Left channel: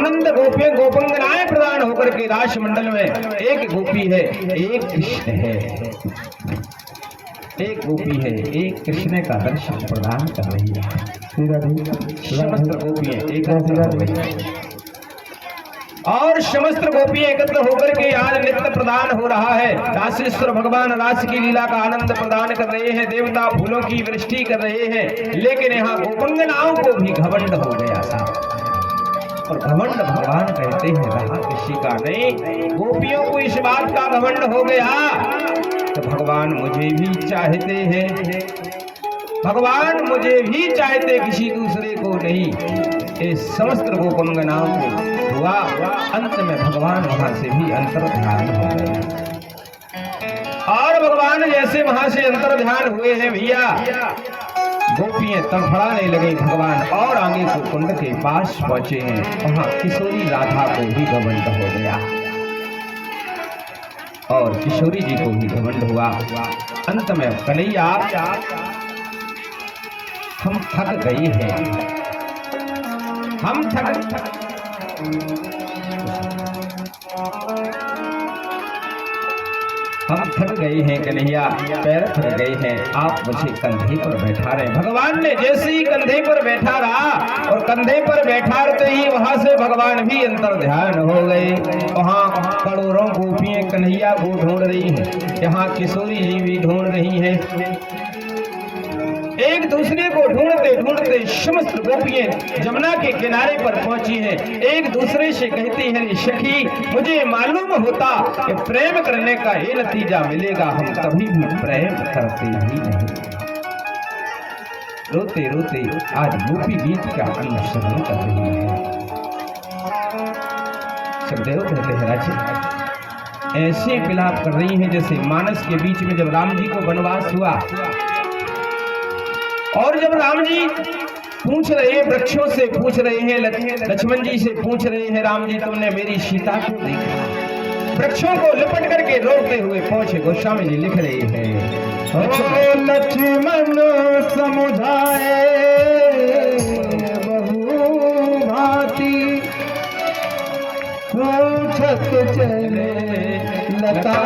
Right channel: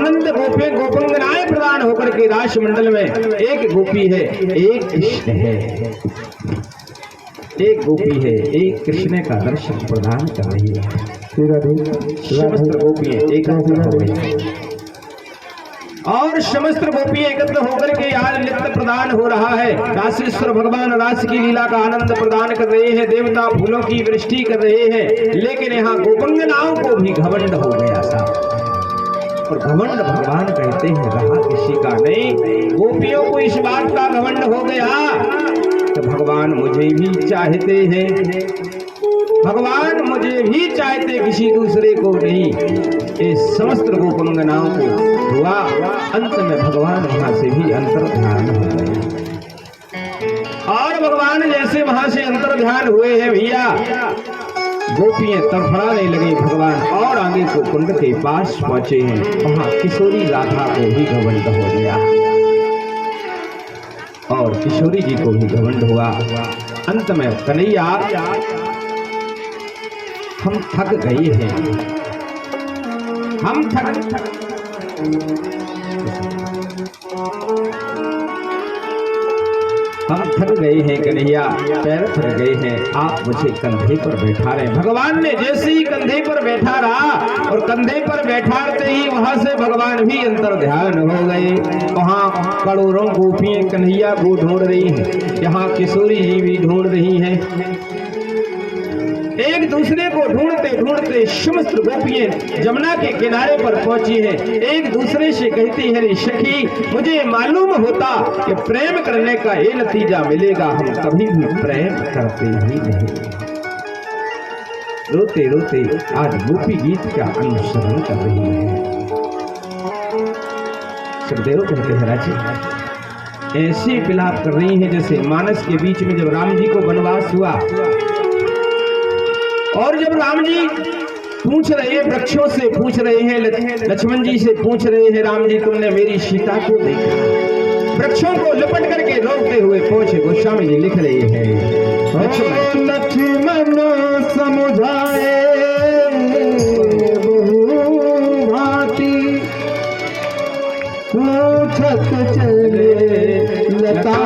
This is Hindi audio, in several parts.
आनंद गोपी गोपिंदनाएं प्रदान होकर के रास मंडल में एक गोपी है, एक कृष्ण है, एक गोपी है, एक कृष्ण का दर्शन प्रदान कर रही है। समस्त गोपियां एकत्र हो गई और समस्त गोपियां एकत्र होकर के आज नित्य प्रदान हो रहा है। रासेश्वर भगवान रास की लीला का आनंद प्रदान कर रहे हैं, देवता फूलों की वृष्टि कर रहे हैं। लेकिन यहाँ गोपिंगनाओं को भी घमंड हो गया था और घमंड भगवान कहते हैं रहा किसी का नहीं। गोपियों को इस बात का घमंड हो गया तो भगवान मुझे भी चाहते हैं, भगवान मुझे भी चाहते, किसी दूसरे को नहीं। इस समस्त गोपंगनाओं को हुआ, अंत में भगवान वहां से भी अंतर ध्यान हो गए और भगवान जैसे वहां से अंतर ध्यान हुए हैं भैया, गोपियां तड़फड़ाने लगी भगवान और आगे को कुंड के पास पहुंचे हैं। वहां किशोरी राधा को भी घमंड हो गया और किशोरी जी को भी घमंड हुआ। अंत में कन्हैया हम थक गए हैं, हम थक गए हैं कन्हैया, पैर थक गए हैं, आप मुझे कंधे पर बैठा रहे। भगवान ने जैसे ही कंधे पर बैठा रहा और कंधे पर बैठाते ही वहां से भगवान भी अंतर ध्यान हो गए। वहां करोड़ों गोपियां कन्हैया को ढूंढ रही हैं, यहाँ किशोरी जी भी ढूंढ रही हैं। एक दूसरे को ढूंढते ढूंढते समस्त गोपियां जमुना के किनारे पर पहुंची हैं। एक दूसरे से कहती है सखी, मुझे मालूम होता कि प्रेम करने का ये नतीजा मिलेगा, हम कभी भी प्रेम करते ही नहीं। रोते रोते आज गोपी गीत का अनुसरण कर रही है। सुखदेव कहते हैं राजे ऐसे विलाप कर रही हैं जैसे मानस के बीच में जब राम जी को वनवास हुआ और जब राम जी पूछ रहे वृक्षों से पूछ रहे हैं, लक्ष्मण जी से पूछ रहे हैं, राम जी तुमने मेरी सीता को देखा? वृक्षों को लिपट करके रोकते हुए पहुंचे गोस्वामी जी लिख रहे हैं, लक्ष्मण समुझाए बहु भांति पूछत चले लता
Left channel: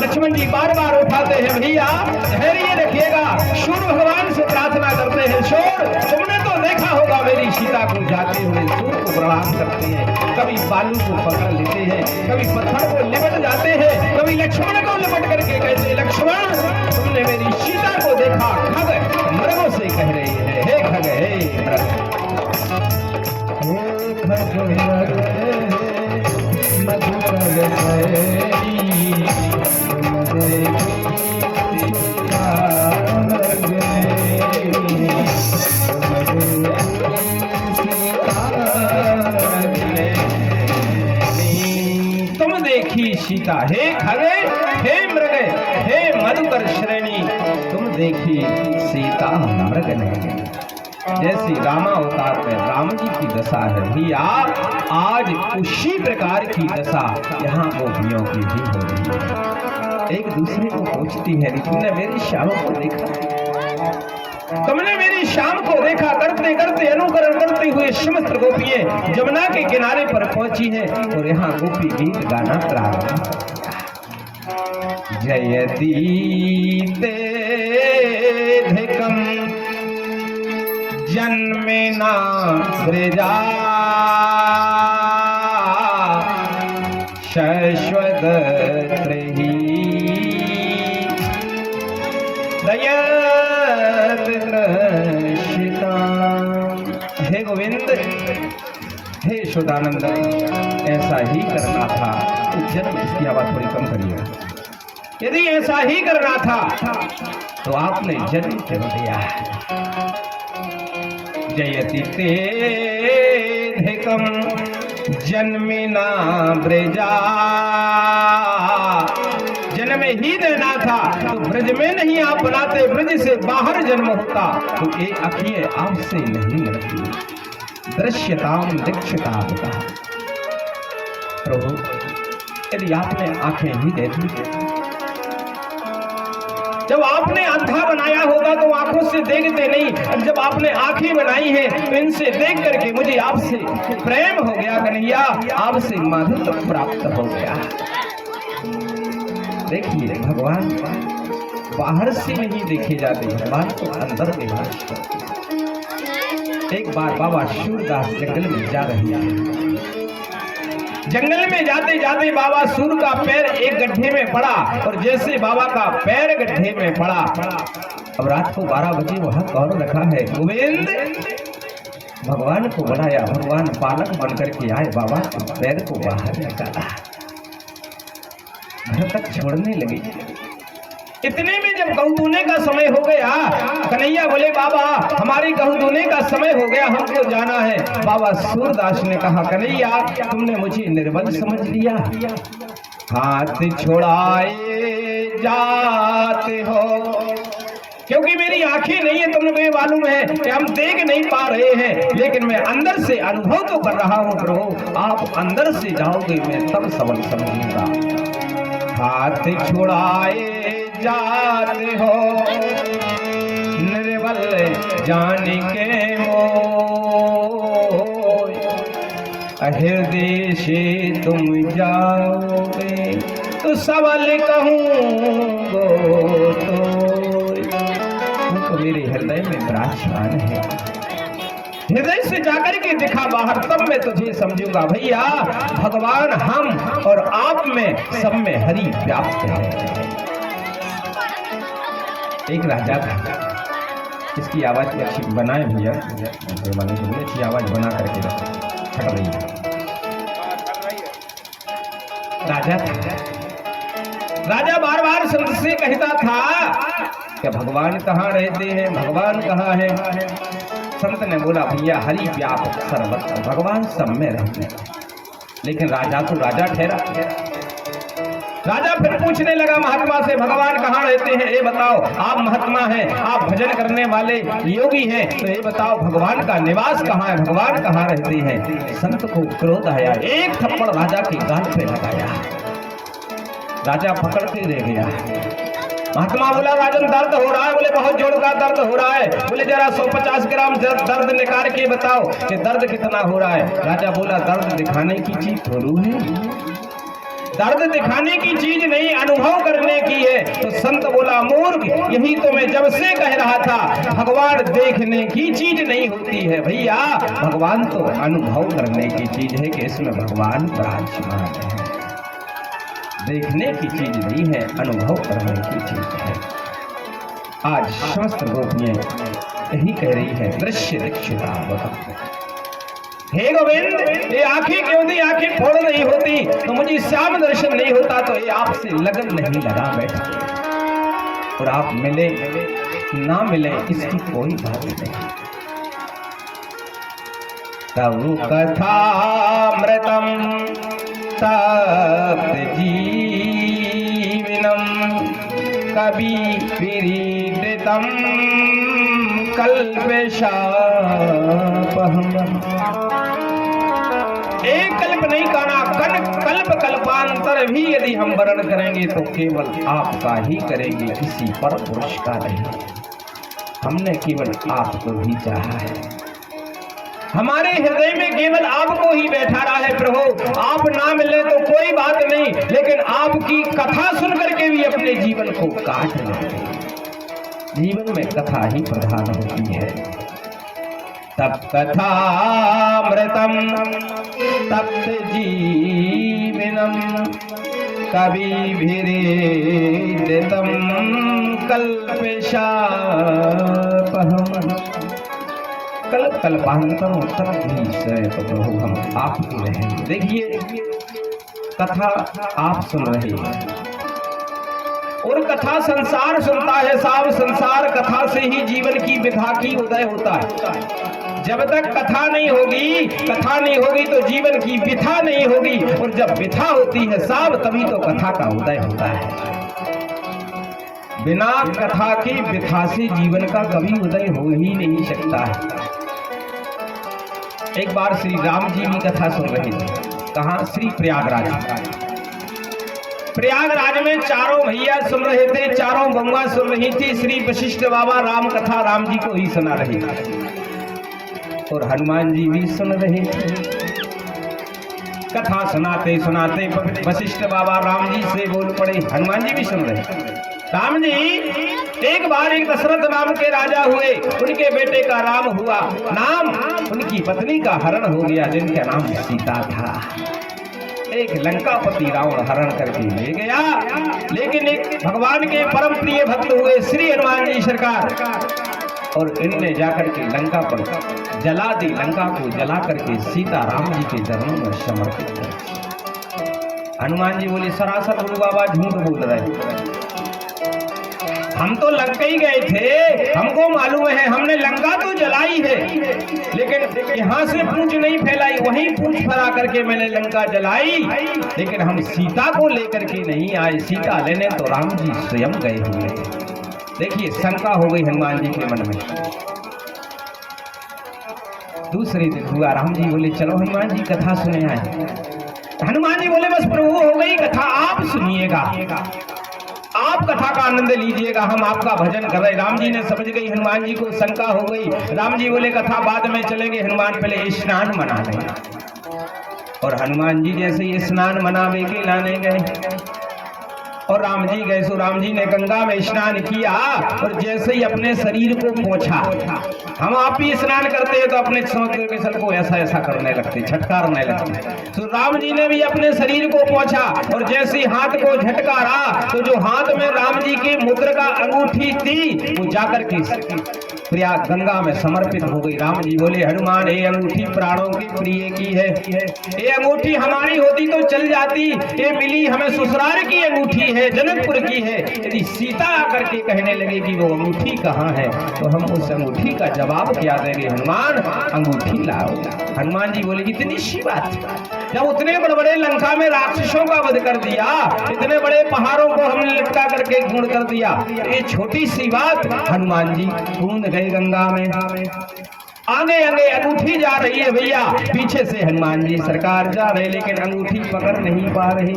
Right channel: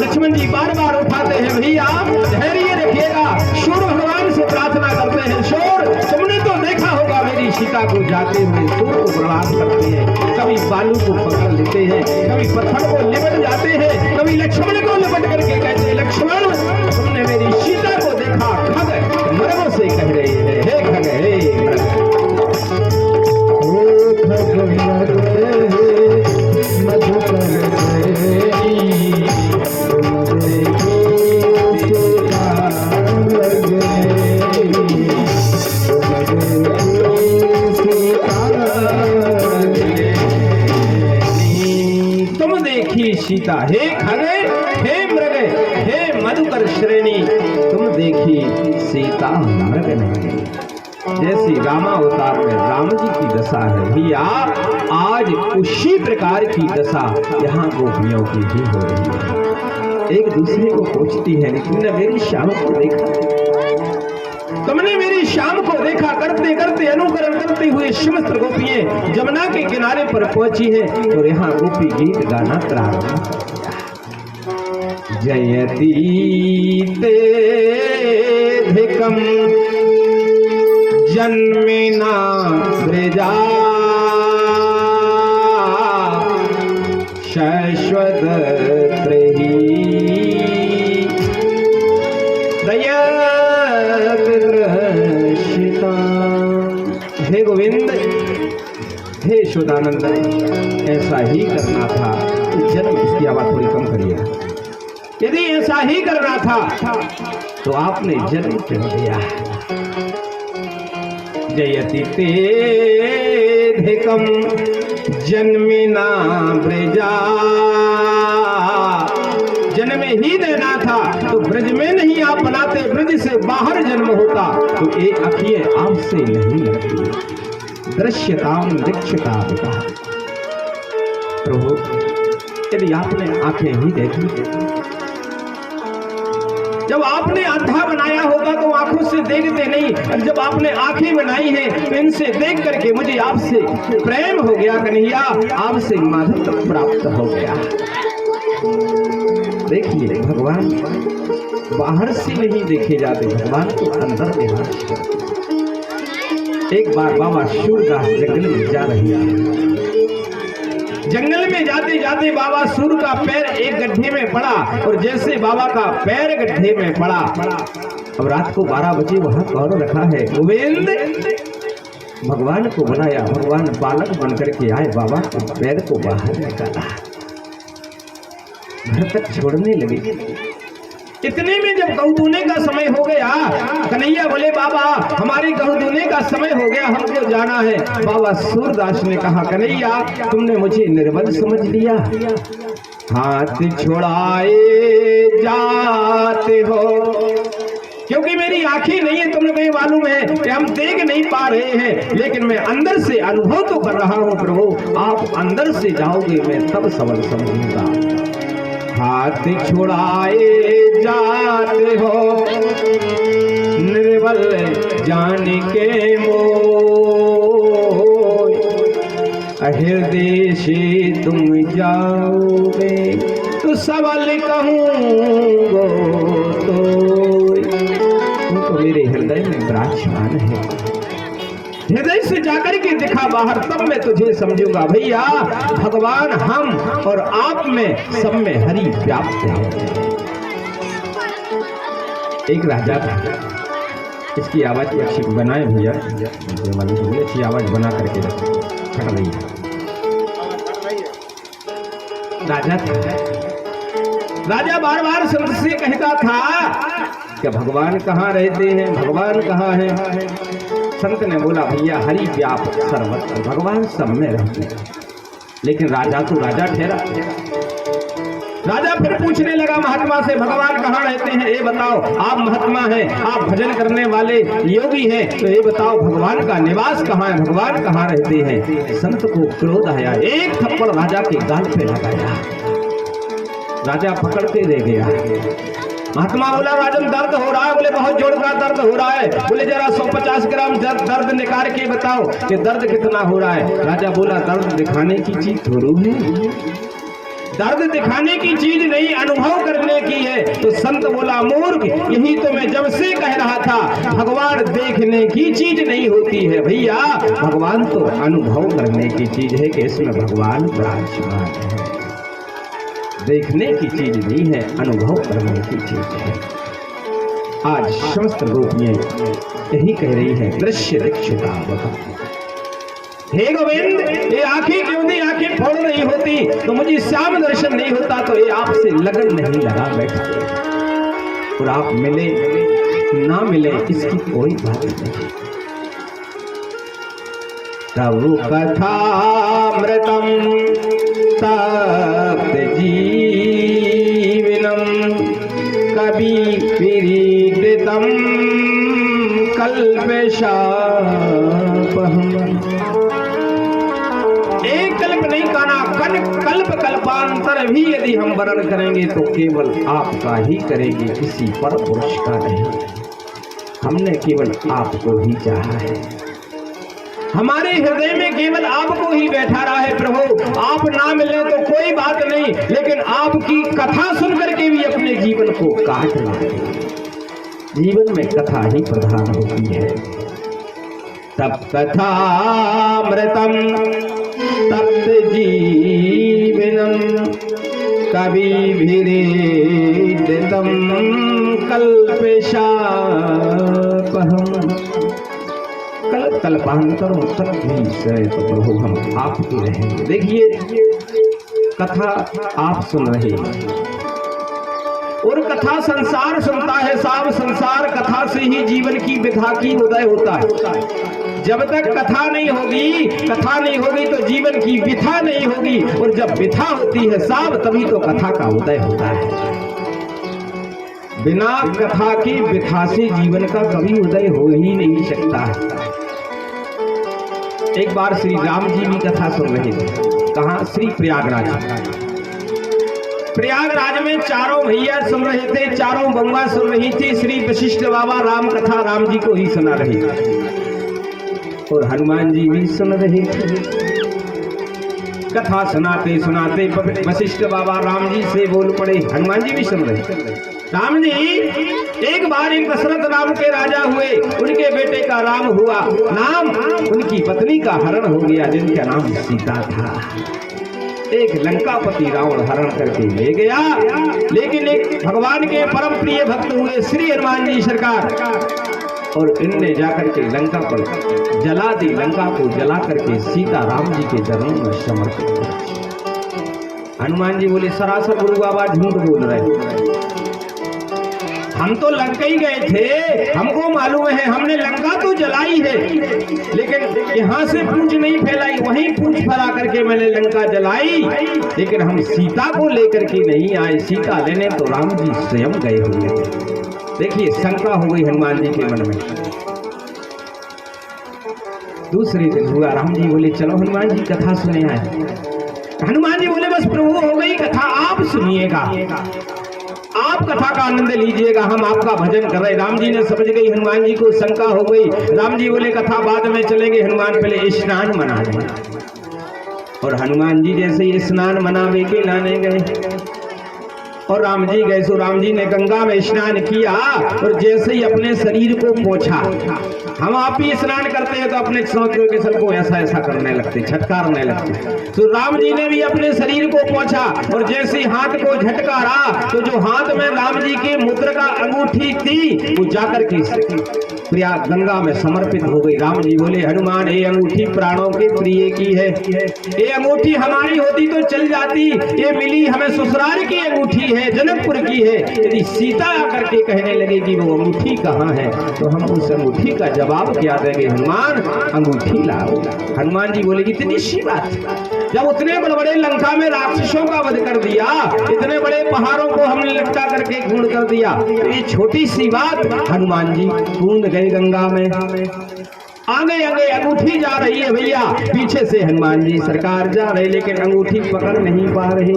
लक्ष्मण जी बार बार उठाते हैं, भैया धैर्य रखिएगा। सूर्य भगवान से प्रार्थना करते हैं, सूर्य तुमने तो देखा होगा मेरी सीता को जाते हुए सूर्य को प्रणाम करते हैं, कभी बालू को पकड़ लेते हैं, कभी पत्थर को लिपट जाते हैं, कभी लक्ष्मण को लिपट करके कहते हैं, लक्ष्मण तुमने मेरी सीता को देखा? खग मर्गों से कह रहे हैं, हे खग हे सीता, हे खगे हे मृग हे मधुकर श्रेणी, तुम देखी सीता मृग नहीं। जैसी रामा अवतार में राम जी की दशा है भैया, आज उसी प्रकार की दशा यहाँ गोपियों की भी हो रही है। एक दूसरे को पूछती है, तुमने मेरी शाम को देखा? तुमने मेरी शाम को देखा? करते करते अनुकरण करते हुए समस्त गोपियां जमुना के किनारे पर पहुंची हैं और यहाँ गोपी गीत गाना प्रारंभ हो गया। जयती तेधिकम जन्मेना ब्रजा शाश्वत त्रही हे गोविंद, हे यशोदानंद, ऐसा ही करना था। यदि ऐसा ही करना था तो आपने जन्म क्यों दिया? जयति तेधिकम जन्मिना ब्रजा, जन्म ही देना था तो ब्रज में नहीं आप बनाते, ब्रज से बाहर जन्म होता तो ये आँखें आपसे नहीं लगती। दृश्यताम दीक्षता होता। प्रभु यदि आपने आंखें ही दे दी, जब आपने अंधा बनाया होता तो आंखों से देखते नहीं, अब जब आपने आंखें बनाई है तो इनसे देख करके मुझे आपसे प्रेम हो गया कन्हैया, आपसे माधुर्य प्राप्त हो गया। देखिए भगवान बाहर से नहीं देखे जाते, भगवान तो अंदर निवास करते। एक बार बाबा सूरदास जंगल में जा रहे हैं, जंगल में जाते जाते बाबा सूर का पैर एक गड्ढे में पड़ा और जैसे बाबा का पैर गड्ढे में पड़ा, अब रात को 12 बजे वहां कौन रखा है? गोविंद भगवान को बनाया, भगवान बालक बनकर के आए, बाबा के पैर को बाहर निकाला, घर तक छोड़ने लगे। इतने में जब गऊ दूने का समय हो गया, कन्हैया बोले बाबा हमारे गऊ दूने का समय हो गया, हमको जाना है। बाबा सूरदास ने कहा कन्हैया तुमने मुझे निर्बल समझ लिया, हाथ छोड़ाए जाते हो, क्योंकि मेरी आंखें नहीं है, तुम्हें मालूम है कि हम देख नहीं पा रहे हैं, लेकिन मैं अंदर से अनुभव तो कर रहा हूँ प्रभु, आप अंदर से जाओगे मैं तब सबल समझूंगा। हाथ छुड़ाए जाते हो निर्बल जान के मोह, हृदय से तुम जाओगे तो सबल कहूँगो, तो मेरे हृदय में विराजमान है, हृदय से जाकर के दिखा बाहर तब मैं तुझे समझूंगा। भैया भगवान हम और आप में सब में हरि व्याप्त है। एक राजा था, इसकी आवाज अच्छी बनाए भैया, अच्छी आवाज बना करके खड़ रही है। राजा था, राजा बार बार संत से कहता था कि भगवान कहाँ रहते हैं, भगवान कहाँ है? संत ने बोला भैया हरि व्यापक सर्वत्र, भगवान सब में रहते हैं। लेकिन राजा तो राजा ठहरा। राजा फिर पूछने लगा महात्मा से भगवान कहाँ रहते हैं, ये बताओ, आप महात्मा हैं, आप भजन करने वाले योगी हैं, तो ये बताओ भगवान का निवास कहाँ है, भगवान कहाँ रहते हैं? संत को क्रोध आया, एक थप्पड़ राजा के गाल पे लगाया, राजा पकड़ के दे गया। महात्मा बोला राजन दर्द हो रहा है, बोले बहुत जोर का दर्द हो रहा है, बोले जरा 150 ग्राम दर्द निकाल के बताओ कि दर्द कितना हो रहा है। राजा बोला दर्द दिखाने की चीज थोड़ू है, दर्द दिखाने की चीज नहीं अनुभव करने की है। तो संत बोला मूर्ख, यही तो मैं जब से कह रहा था, भगवान देखने की चीज नहीं होती है भैया, भगवान तो अनुभव करने की चीज है कि इसमें भगवान विराजमान है, देखने की चीज नहीं है, अनुभव करने की चीज है। आज समस्त गोपियां यही कह रही है दृश्य दीक्षिता होता। हे गोविंद ये आंखें क्यों दी, आंखें फोड़ नहीं होती तो मुझे श्याम दर्शन नहीं होता, तो ये आपसे लगन नहीं लगा बैठा, और आप मिले ना मिले इसकी कोई बात नहीं। तब कथामृतम तप्त जीवनम कवि विरीडितम कल्पशापहम। एक कल्प नहीं काना, कल्प कल्पांतर भी यदि हम वर्णन करेंगे तो केवल आपका ही करेंगे, किसी पर पुरुष का नहीं। हमने केवल आपको ही चाहा है, हमारे हृदय में केवल आपको ही बैठा रहा है प्रभु। आप ना मिले तो कोई बात नहीं, लेकिन आपकी कथा सुन करके भी अपने जीवन को काट रहे हैं। जीवन में कथा ही प्रधान होती है। तब कथामृतम तप्त जीवनम कविभिरीडितम कल्पशापहम। कल्पांतरों तक भी से तो प्रभु हम आपके रहेंगे। देखिए कथा आप सुन रहे हैं, और कथा संसार सुनता है साहब, संसार कथा से ही जीवन की विधा की उदय होता है। जब तक कथा नहीं होगी तो जीवन की विथा नहीं होगी, और जब विथा होती है साहब तभी तो कथा का उदय होता है। बिना कथा के विथा से जीवन का कभी उदय हो ही नहीं सकता है। एक बार श्री राम जी की कथा सुन रहे थे, कहाँ? श्री प्रयागराज में चारों भैया सुन रहे थे, चारों बउआ सुन रही थी। श्री वशिष्ठ बाबा राम कथा राम जी को ही सुना रहे थे और हनुमान जी भी सुन रहे थे। कथा सुनाते सुनाते वशिष्ठ बाबा राम जी से बोल पड़े, हनुमान जी भी सुन रहे थे। राम जी, एक बार एक दशरथ नाम के राजा हुए, उनके बेटे का राम हुआ नाम, उनकी पत्नी का हरण हो गया जिनका नाम सीता था। एक लंकापति रावण हरण करके ले गया, लेकिन एक भगवान के परम प्रिय भक्त हुए श्री हनुमान जी सरकार, और इनने जाकर के लंका पर जला दी। लंका को जला करके सीता राम जी के चरणों में समर्पित कर। हनुमान जी बोले, सरासर गुरु बाबा झूठ बोल रहे, हम तो लंका ही गए थे, हमको मालूम है, हमने लंका तो जलाई है, लेकिन यहाँ से पूंछ नहीं फैलाई, वहीं पूंछ फैला करके मैंने लंका जलाई, लेकिन हम सीता को लेकर के नहीं आए। सीता लेने तो राम जी स्वयं गए हुए थे। देखिए, शंका हो गई हनुमान जी के मन में। दूसरे दिन हुआ, राम जी बोले, चलो हनुमान जी कथा सुने आए। हनुमान जी बोले, बस प्रभु हो गई कथा, आप सुनिएगा, आप कथा का आनंद लीजिएगा, हम आपका भजन कर रहे। राम जी ने समझ गई, हनुमान जी को शंका हो गई। राम जी बोले, कथा बाद में चलेंगे, हनुमान पहले स्नान मना लें। और हनुमान जी जैसे ही स्नान मनावे के लाने गए और राम जी गए, सो राम जी ने गंगा में स्नान किया, और जैसे ही अपने शरीर को पोंछा, हम आप भी स्नान करते हैं तो अपने समुद्र के जल को ऐसा ऐसा करने लगते, छटकारने लगते। तो राम जी ने भी अपने शरीर को पोंछा, और जैसे हाथ को झटकारा तो जो हाथ में राम जी की मुद्रा का अंगूठी थी वो जाकर के प्रयाग गंगा में समर्पित हो गई। राम जी बोले, हनुमान, ये अंगूठी प्राणों के प्रिय की है, ये अंगूठी हमारी होती तो चल जाती, ये मिली हमें ससुराल की अंगूठी है, जनकपुर की है। यदि सीता आकर के कहने लगे कि वो अंगूठी कहाँ है, तो हम उस अंगूठी का जवाब क्या देंगे? हनुमान, अंगूठी लाओ। हनुमान जी बोले, इतनी सी बात, जब उतने बड़े बड़े लंका में राक्षसों का वध कर दिया, इतने बड़े पहाड़ों को हमने लिपटा करके खून कर दिया, ये छोटी सी बात। हनुमान जी कूद गए गंगा में। आगे आगे अंगूठी जा रही है भैया, पीछे से हनुमान जी सरकार जा रहे, लेकिन अंगूठी पकड़ नहीं पा रहे।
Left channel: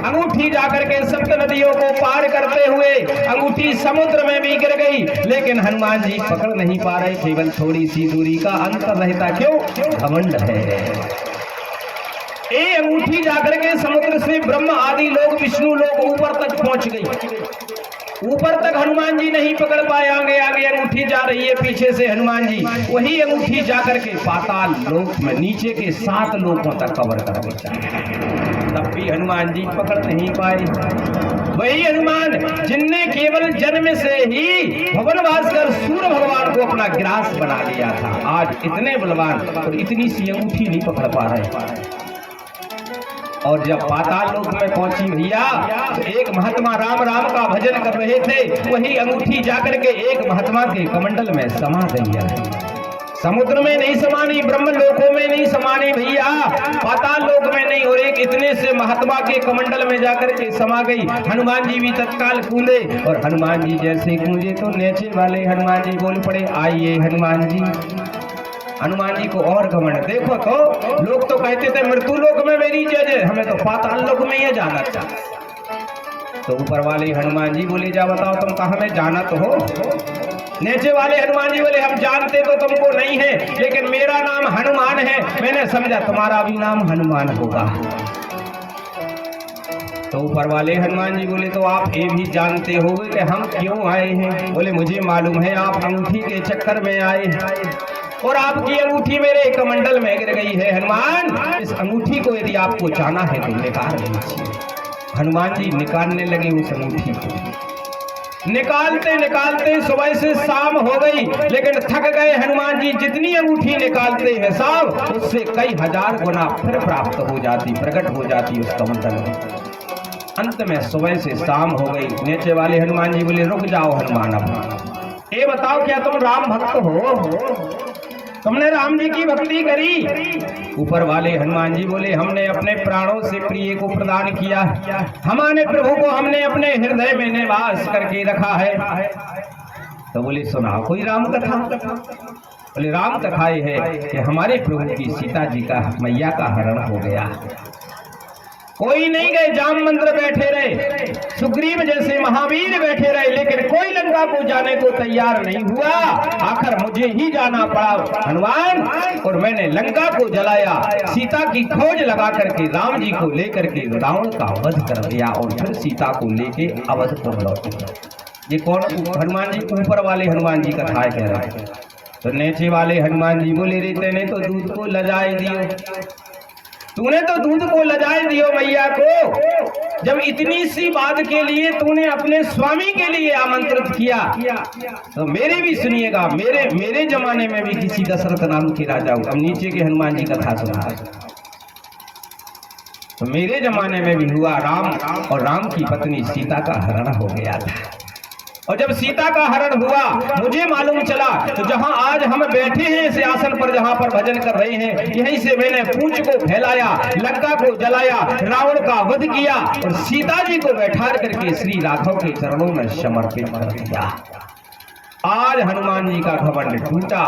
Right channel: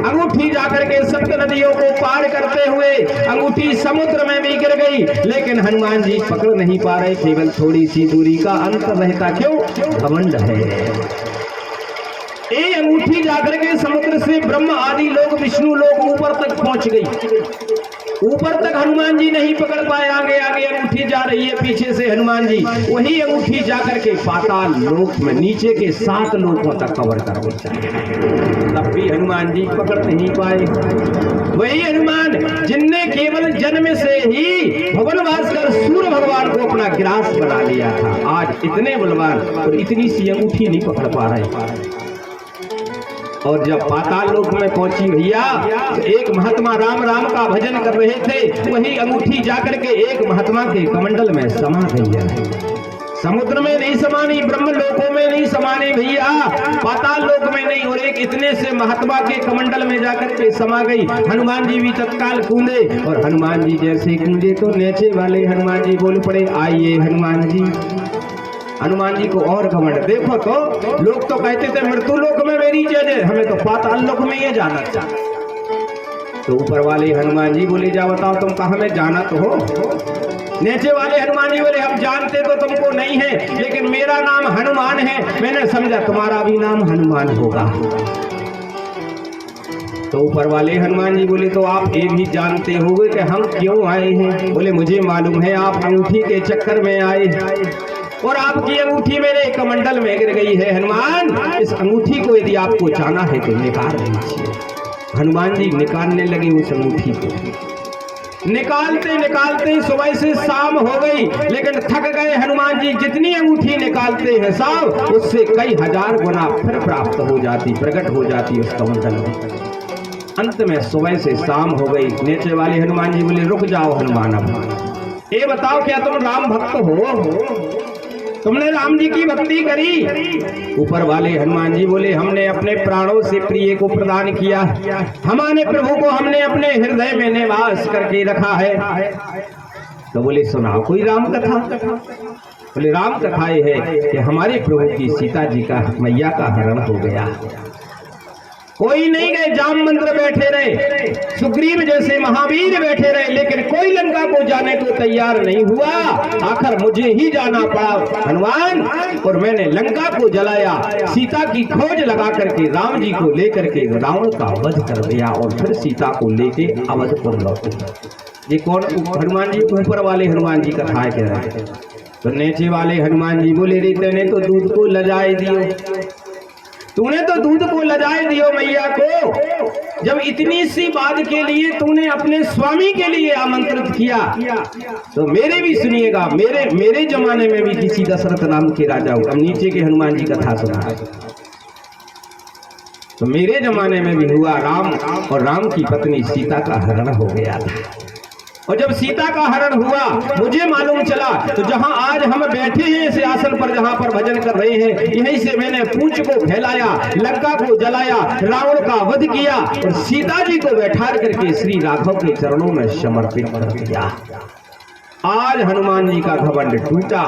अंगूठी जाकर के सप्त नदियों को पार करते हुए अंगूठी समुद्र में भी गिर गई, लेकिन हनुमान जी पकड़ नहीं पा रहे। केवल थोड़ी सी दूरी का अंतर रहता, क्यों? घमंड है। ये अंगूठी जाकर के समुद्र से ब्रह्म आदि लोग, विष्णु लोग ऊपर तक पहुंच गई। ऊपर तक हनुमान जी नहीं पकड़ पाए, आगे आगे अंगूठी जा रही है, पीछे से हनुमान जी वही अंगूठी जाकर के पाताल लोक में नीचे के 7 लोकों तक कवर कर गई। तब भी हनुमान जी पकड़ नहीं पाए। वही हनुमान जिनने केवल जन्म से ही भुवनवास कर सूर्य भगवान को अपना ग्रास बना लिया था, आज इतने बलवान और इतनी सी अंगूठी नहीं पकड़ पा रहे। और जब पाताल लोक में पहुंची भैया, एक महात्मा राम राम का भजन कर रहे थे, वही अंगूठी जाकर के एक महात्मा के कमंडल में समा गई है। समुद्र में नहीं समानी, ब्रह्म लोकों में नहीं समानी भैया, पाताल लोक में नहीं, और एक इतने से महात्मा के कमंडल में जाकर के समा गई। हनुमान जी भी तत्काल कूदे, और हनुमान जी जैसे कूदे तो नीचे वाले हनुमान जी बोल पड़े, आइए हनुमान जी। हनुमान जी को और घमंड, देखो तो लोग तो कहते थे मृत्यु लोक में मेरी जय, हमें तो पाताल लोक में ये जाना चाहिए। तो ऊपर वाले हनुमान जी बोले, जा बताओ तुम कहाँ में जाना तो हो? नीचे वाले हनुमान जी बोले, हम जानते तो तुमको नहीं है, लेकिन मेरा नाम हनुमान है, मैंने समझा तुम्हारा भी नाम हनुमान होगा। तो ऊपर वाले हनुमान जी बोले, तो आप ये भी जानते होंगे कि हम क्यों आए हैं? बोले, मुझे मालूम है, आप अंगूठी के चक्कर में आए हैं, और आपकी अंगूठी मेरे कमंडल में गिर गई है। हनुमान, इस अंगूठी को यदि आपको जाना है तो निकाल लीजिए। हनुमान जी निकालने लगे उस अंगूठी को। निकालते निकालते सुबह से शाम हो गई, लेकिन थक गए हनुमान जी। जितनी अंगूठी निकालते हैं साहब, उससे कई हजार गुना फिर प्राप्त हो जाती, प्रकट हो जाती उस कमंडल में। अंत में सुबह से शाम हो गई। नीचे वाले हनुमान जी बोले रुक जाओ हनुमान, अब ये बताओ क्या तुम राम भक्त हो? तुमने राम जी की भक्ति करी? ऊपर वाले हनुमान जी बोले हमने अपने प्राणों से प्रिय को प्रदान किया, हमारे प्रभु को हमने अपने हृदय में निवास करके रखा है। तो बोले सुनाओ कोई राम कथा। बोले राम कथा ये है कि हमारे प्रभु की सीता जी का मैया का हरण हो गया। कोई नहीं गए, जाम मंत्र बैठे रहे, सुग्रीव जैसे महावीर बैठे रहे, लेकिन कोई लंका को जाने को तैयार नहीं हुआ। आखिर मुझे ही जाना पड़ा हनुमान, और मैंने लंका को जलाया, सीता की खोज लगा करके राम जी को लेकर के रावण का वध कर दिया और फिर सीता को लेके अवधपुर लौटे। ये कौन? हनुमान जी, ऊपर वाले हनुमान जी कथा कह रहे हैं। तो नीचे वाले हनुमान जी बोले रे तेने तो दूध को लजाए दियो, तूने तो दूध को लजाए दियो मैया को। जब इतनी सी बात के लिए तूने अपने स्वामी के लिए आमंत्रित किया, तो मेरे भी सुनिएगा, मेरे जमाने में भी किसी दशरथ नाम के राजा हुआ। अब नीचे के हनुमान जी कथा सुना, तो मेरे जमाने में भी हुआ राम और राम की पत्नी सीता का हरण हो गया था। और जब सीता का हरण हुआ मुझे मालूम चला, तो जहां आज हम बैठे हैं इस आसन पर, जहां पर भजन कर रहे हैं, यहीं से मैंने पूंछ को फैलाया, लंका को जलाया, रावण का वध किया और सीता जी को बैठा करके श्री राघव के चरणों में समर्पित कर दिया। आज हनुमान जी का घमंड टूटा।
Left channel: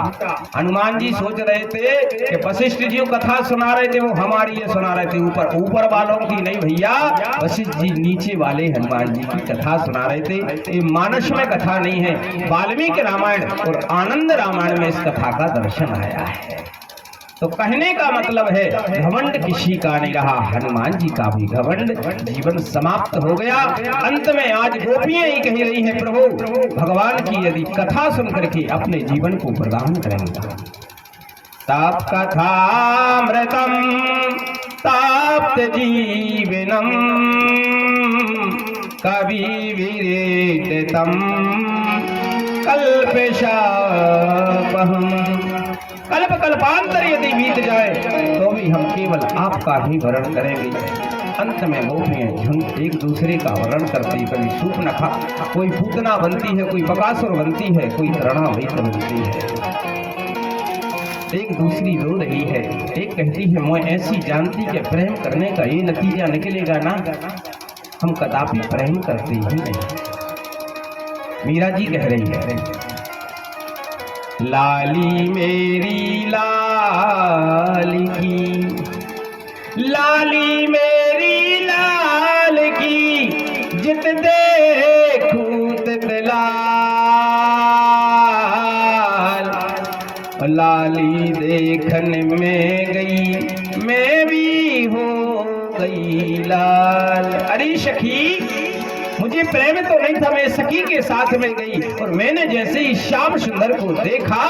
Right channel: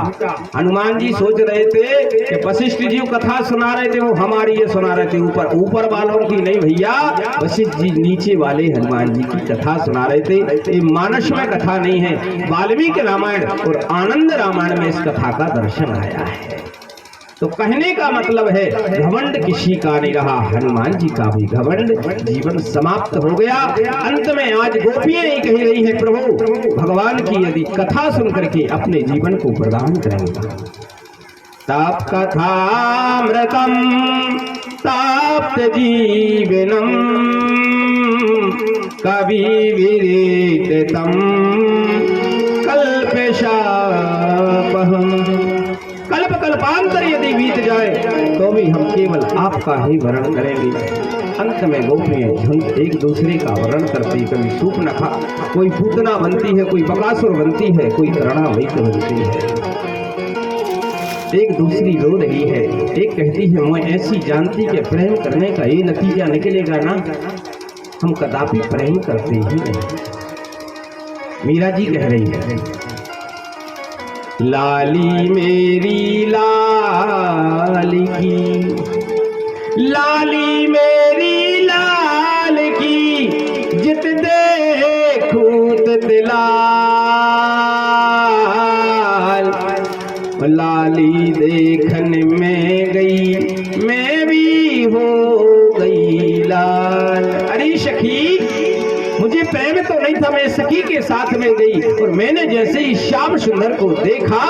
हनुमान जी सोच रहे थे कि वशिष्ठ जी कथा सुना रहे थे, वो हमारी ये सुना रहे थे, ऊपर वालों की नहीं भैया, वशिष्ठ जी नीचे वाले हनुमान जी की कथा सुना रहे थे। ये मानस में कथा नहीं है, वाल्मीकि रामायण और आनंद रामायण में इस कथा का दर्शन आया है। तो कहने का मतलब है घमंड किसी का नहीं रहा, हनुमान जी का भी घमंड जीवन समाप्त हो गया। अंत में आज गोपियां ही कह रही हैं प्रभु भगवान की यदि कथा सुन करके अपने जीवन को प्रदान करेंगे। तप कथामृतम ताप्त जीवनम कवि विरेतम कल्पशापहम। कल्प कल्पांतर यदि बीत जाए तो भी हम केवल आपका ही वर्ण करेंगे। अंत में गोपियां झुंड एक दूसरे का वर्ण करती, कभी सूर्पनखा, कोई पूतना बनती है, कोई बकासुर बनती है, कोई तृणावृत बनती है, एक दूसरी रो रही है। एक कहती है मैं ऐसी जानती कि प्रेम करने का ये नतीजा निकलेगा ना, हम कदापि प्रेम करते ही नहीं। मीरा जी कह रही है लाली मेरी लाल की, लाली मेरी लाल की, जित देखूं तित लाल। लाली देखने में गई मैं भी हो गई लाल। अरे सखी मुझे प्रेम तो नहीं था, मैं सखी के साथ में गई और मैंने जैसे ही श्याम सुंदर को देखा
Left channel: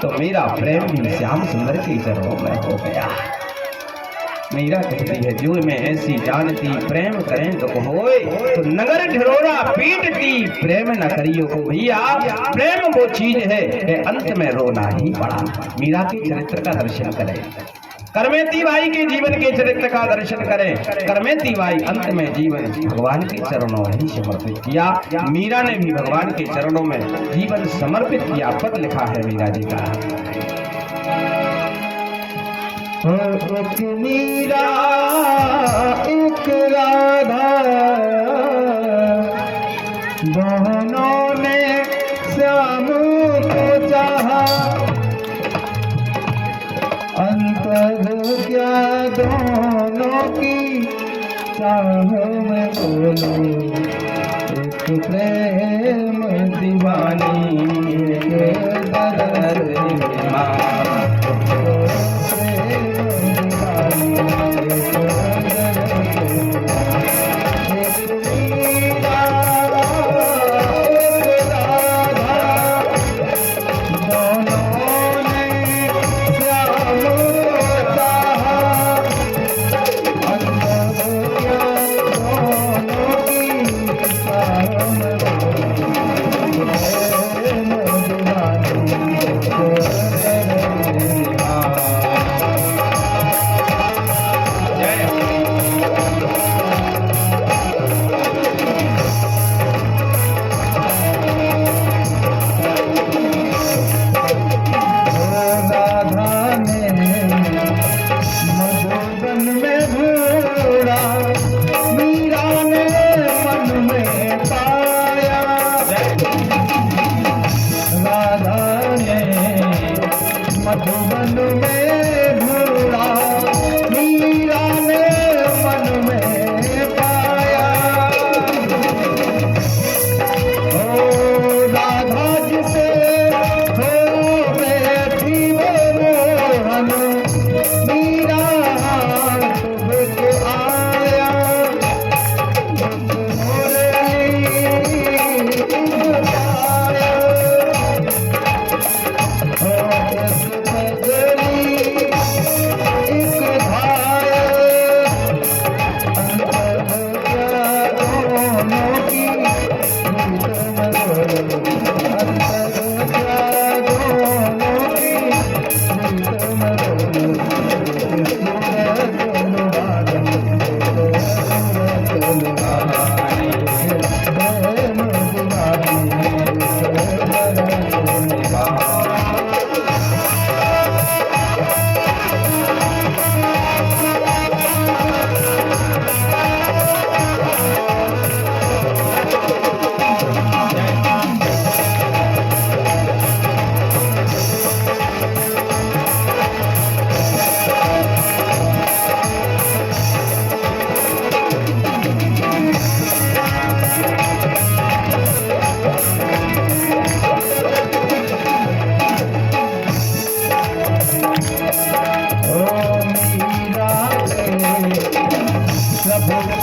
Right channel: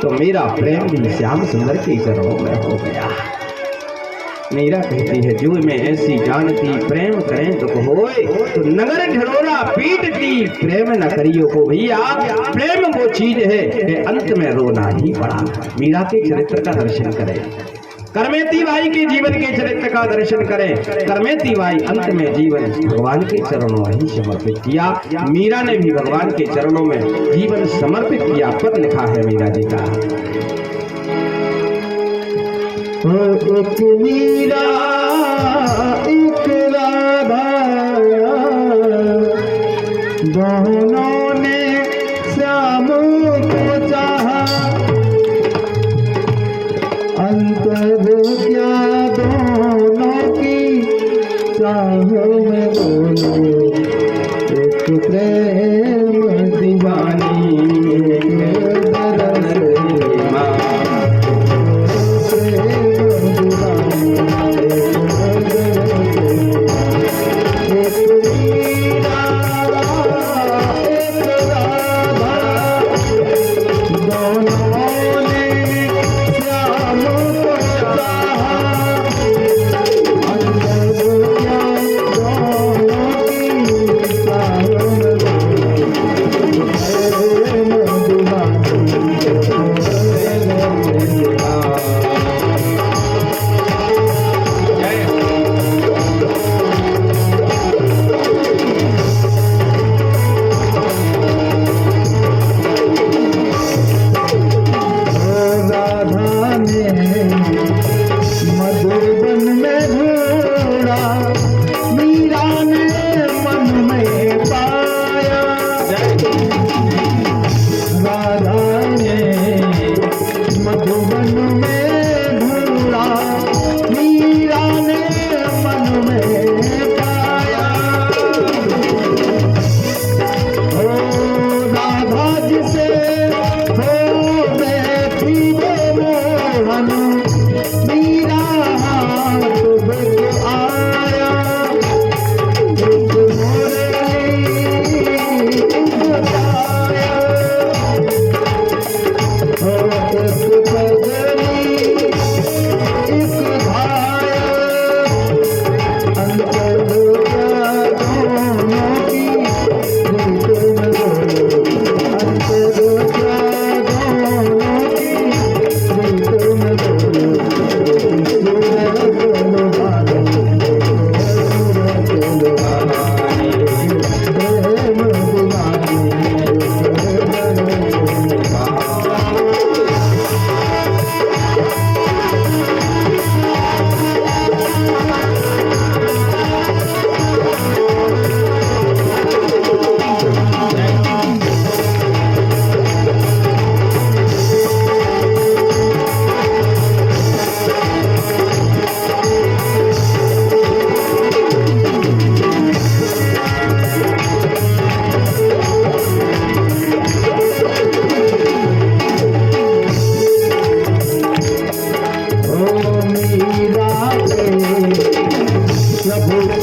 तो मेरा प्रेम भी श्याम सुंदर के चरणों में हो गया। मीरा कहती है जो मैं ऐसी जानती प्रेम करें दुख होए, तो नगर ढिरोरा पीटती प्रेम न करियो को भैया। प्रेम वो चीज है कि अंत में रोना ही पड़ा। मीरा के चरित्र का दर्शन करें, करमेती बाई के जीवन के चरित्र का दर्शन करें। करमेती बाई अंत में जीवन भगवान के चरणों में ही समर्पित किया। मीरा ने भी भगवान के चरणों में जीवन समर्पित किया। पद लिखा है मीरा जी का, एक मीरा एक राधा दोनों ने श्याम को चाहा, अंतर क्या दोनों की चाह में बोलो, एक प्रेम दीवानी एक दर्द दीवानी। राधे